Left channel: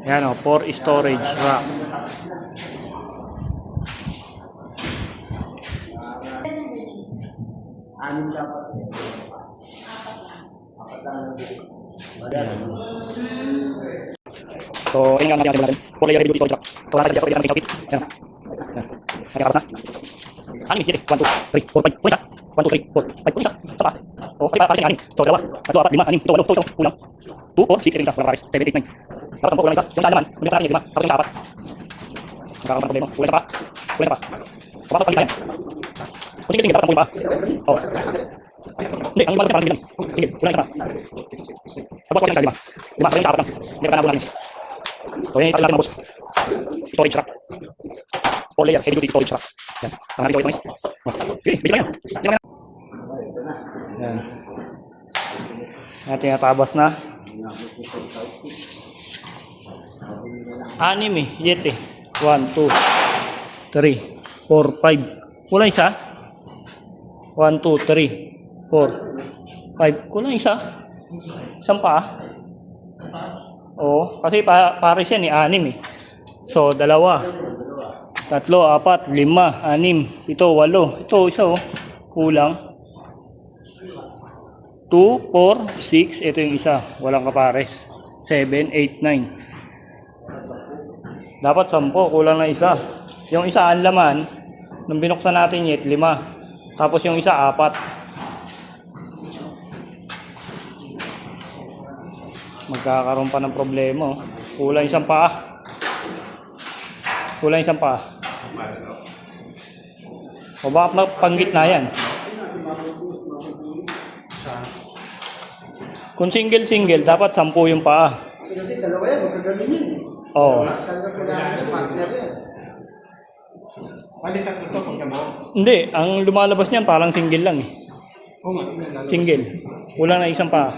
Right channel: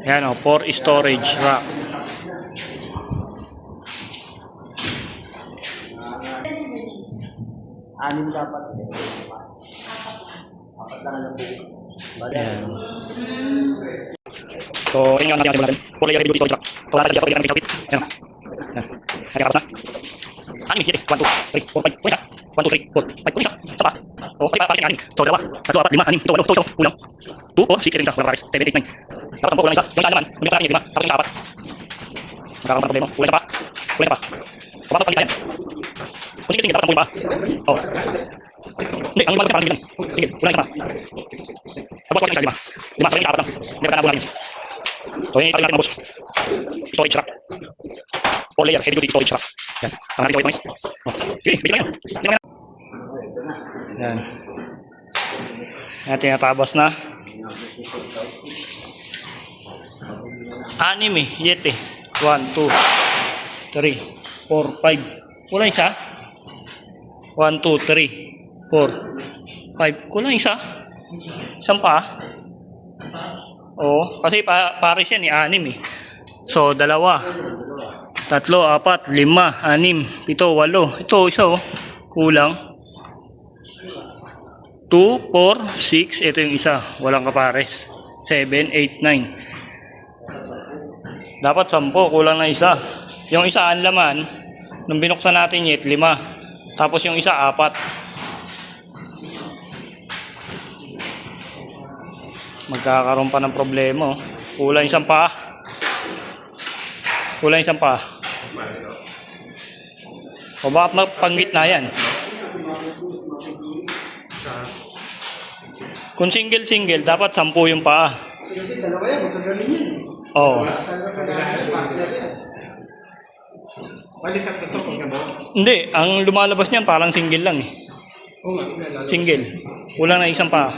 Yan o, for storage rack. Yan. So, yun yung natin natin. For layer heavy duty storage rack. So, nasa dyan, pwede natin kapit. Yan o. Yan. Nakakapas na. Anim, 7, 1, 2, 3, 4, 5. Kung isa. 1, 2, 3, 4, 5. Kung isa. Isa pa. O, okay, pares yung anim. So, dalawa. Tatlo, apat, lima, anim. Ito, walo. Ito, kulang. 2, 4, 6, 7, isa. Walang pares. 7, 8, 9. Dapat 10, kulang isa. Yung isa naman. Yung sa akin yung 5. Tapos yung isa apat. Magkakaroon ng problema. Kulang isa pa. Kulang isa pa. O, papat pangit yan. Kung sige, dapat 10 pa. O. Hindi, ang lumalabas niya parang hindi lang. Sige, kulang isa pa. Tapos kulang isa, 5. 5, parang yung isa apat lang. Hindi pa nabulan yun. So, yun yung natin mga boss. Storage rack. 4 layer, heavy duty storage rack. Yan. Tama natin ito guys. Okay, bigyan lang yan. Bigyan lang yan. Yan. Yan, tinatabas na. Anim eh, yete. 1, 2, 3, 4, 5. Kulang isa. 1, 2, 3, 4, 5. Kulang isa. Isang pa. Oo, kasi pares yan eh, anim eh. So, dalawa. 3, 4, 5, 6, 7, 8. Ito, isa oh. Kulang. 2, 4, 6. Ito yung isa. Walang kapares. 7, 8, 9. Dapat 10. Kulang na isa. Yung isa ang laman. Nung binuksan natin yet, 5. Tapos yung isa, 4. Magkakaroon pa ng problema oh. Kulang isang pa. Kulang isang pa. O bakit mapanggit na yan? Kung single dapat 10 yung paa. Kasi dalawa yan, magkagaling yan. Oo. Malitan ito kung gano'n. Hindi, ang lumalabas niyan parang single lang eh. Single. Kulang na isang paa.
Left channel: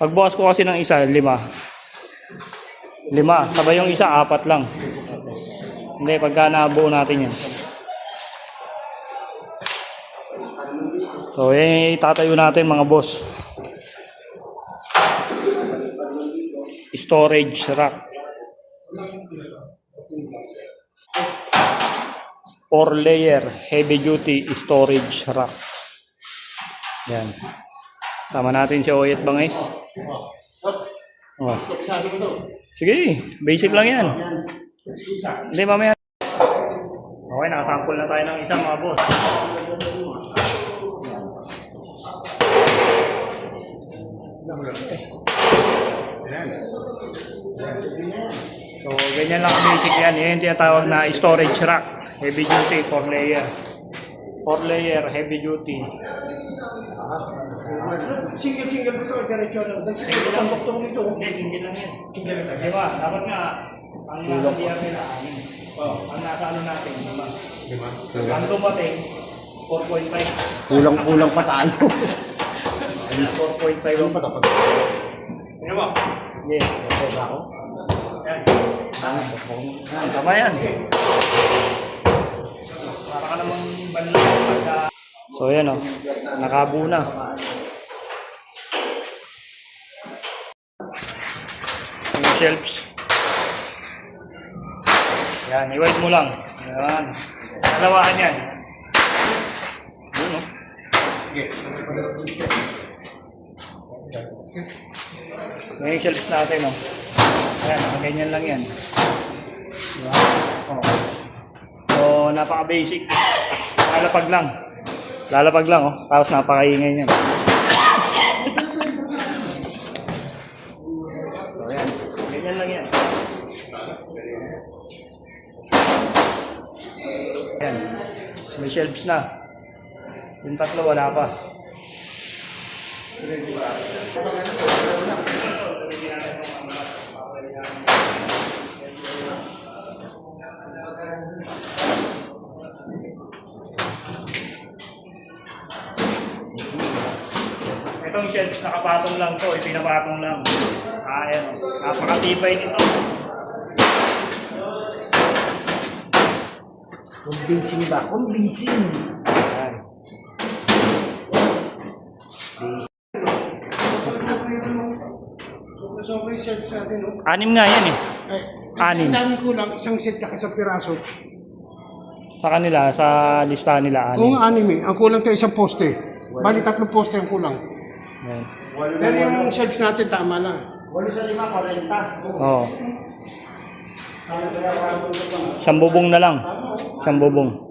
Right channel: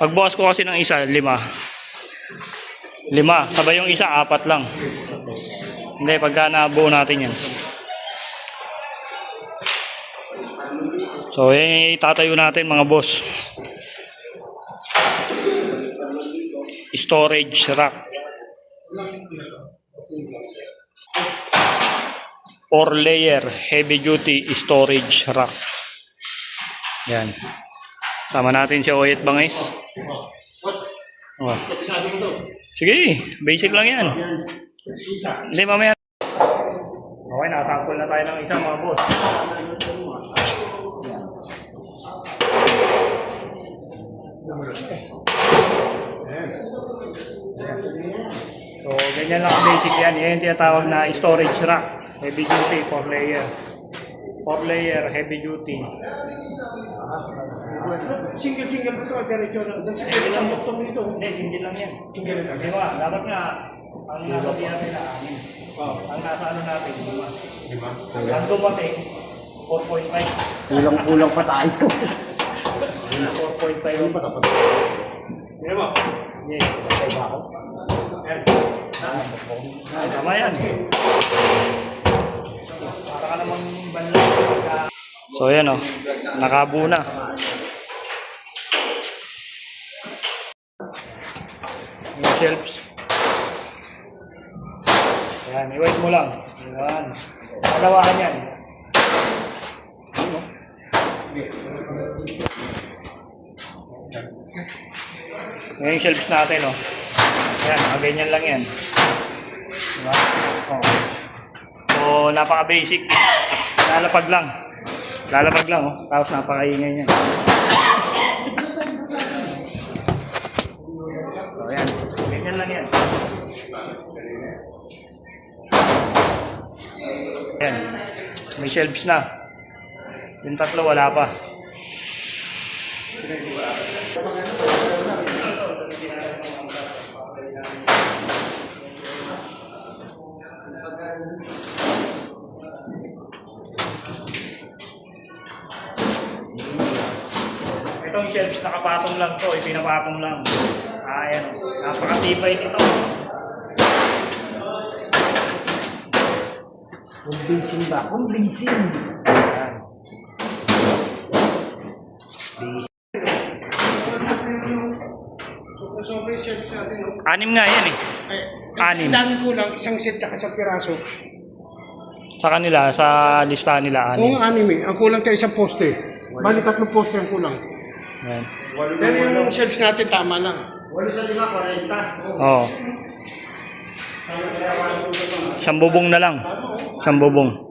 Pagbukas ko kasi ng isa, 5. 5. Sabay yung isa, 4 lang. Hindi, pagka nabuo natin yan. So, yan itatayo natin mga boss. Storage rack. 4 layer heavy duty storage rack. Yan. Sama natin si Oyet Bangis. Oh. Sige, basic lang yan. Hindi, mamaya. Okay, nakasample na tayo ng isa mga boss. So, ganyan lang basic yan. Yan yung tinatawag na storage rack. Heavy duty, 4 layer. 4 layer, heavy duty. Single ito, diretso na. Isang buktong nito. Hindi lang yan. Diba? Dapat nga, ang nakadiyan nila, ang nasa ano natin, 5. Ang dumating, 4.5. Kulang pa tayo. 4.5 pa dapat. Ano ba? Yes. Okay ba ako? Yan. Tama yan. Para ka namang banlang pagka... So yan o. Nakabuo na. Yung shelves. Yan. I-wide mo lang. Yan. Dalawahan yan. Yun o. Yung shelves natin o. Ayan, ganyan lang yan. Diba? So, napaka-basic. Lalapag lang. Lalapag lang, oh. Tapos napaka-ingay niyan. So, ayan. Ganyan lang yan. Ayan. May shelves na. Yung 3 wala pa. Itong shelves nakapatong lang to, ipinapatong lang. Ayan o, napakatibay nito. Convincing ba? Convincing. Ayan. So, okay, service natin, no? 6 nga yan eh. Eh, Anim. ang dami kulang, isang set tsaka isang piraso. Sa kanila, sa listahan nila, 6. Kung anim eh, ang kulang tayo isang poste. Bali, 3 poste ang kulang. Yan. Pero yung service natin, tama lang. Oo. 1 bubong na lang. 1 bubong.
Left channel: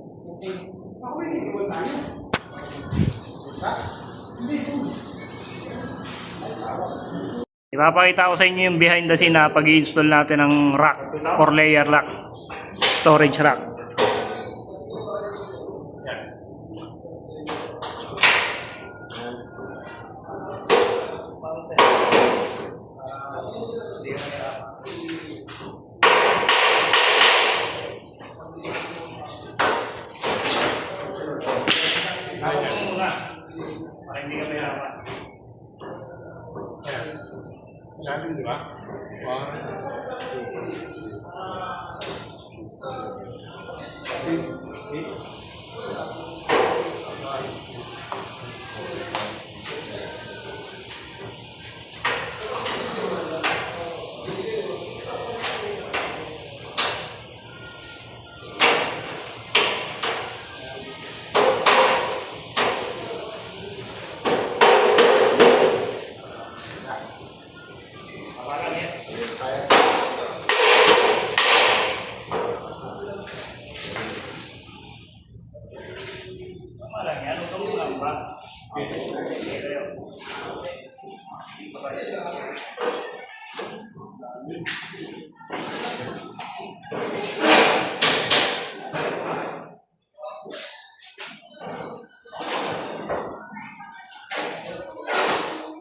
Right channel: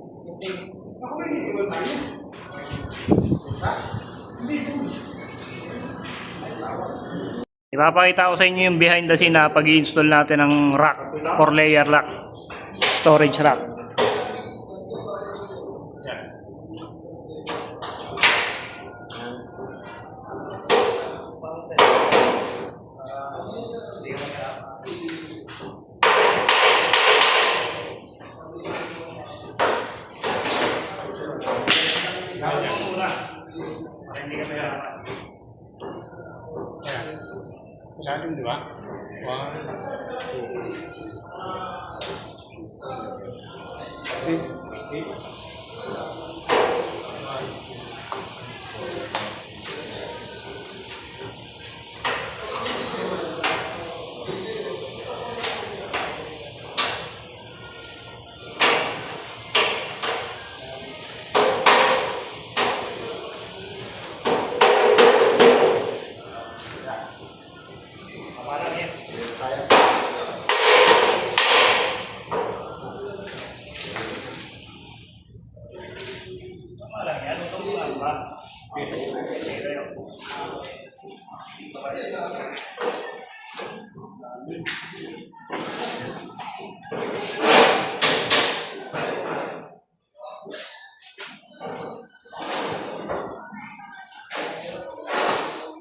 Ipapakita ko sa inyo yung behind the scene na pag-i-install natin ng rack, 4-layer rack, storage rack. Para hindi ka mahirapan. Lalim, di ba?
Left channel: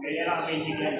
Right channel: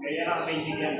Kaya lang basic yan.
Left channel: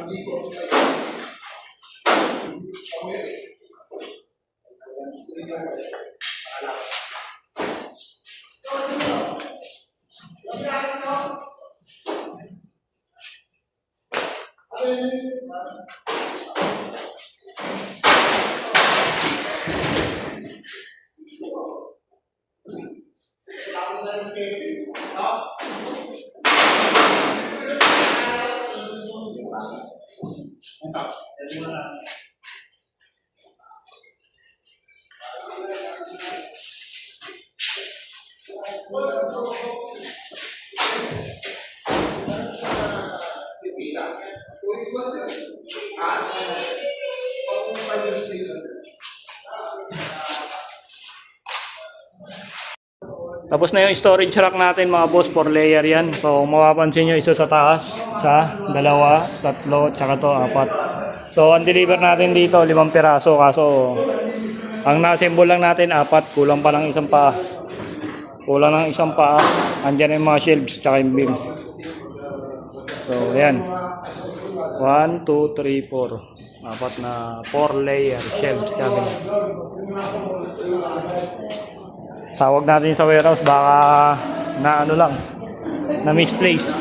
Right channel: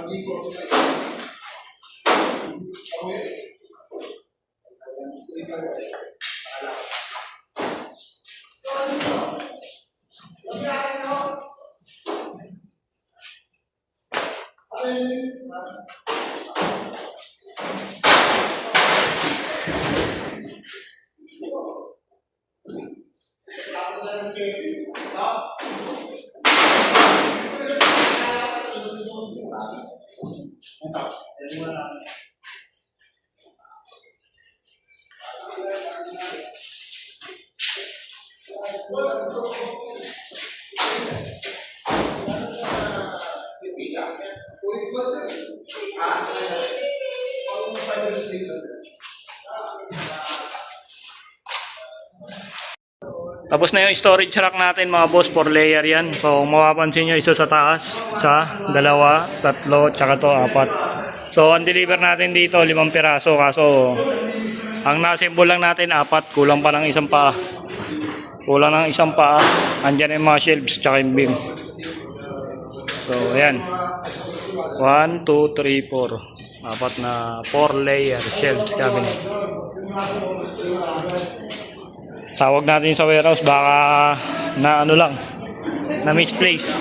Hindi ko. Tapos na yung storage rack natin mga boss, 4 layer yan. So kung mapapansin nyo, isa sa taas, isa, dalawa, tatlo, tsaka to, 4. So ang deliver natin dito, 5 piraso. Kaso ang na-assemble lang natin 4, kulang pa ng isang paa. Kulang ng isang paa. Andyan yung mga shelves, tsaka yung beam. So ayan, 1, 2, 3, 4. 4 na 4 layer shelves cabinet. Tawag natin sa warehouse, baka na ano lang, na misplace.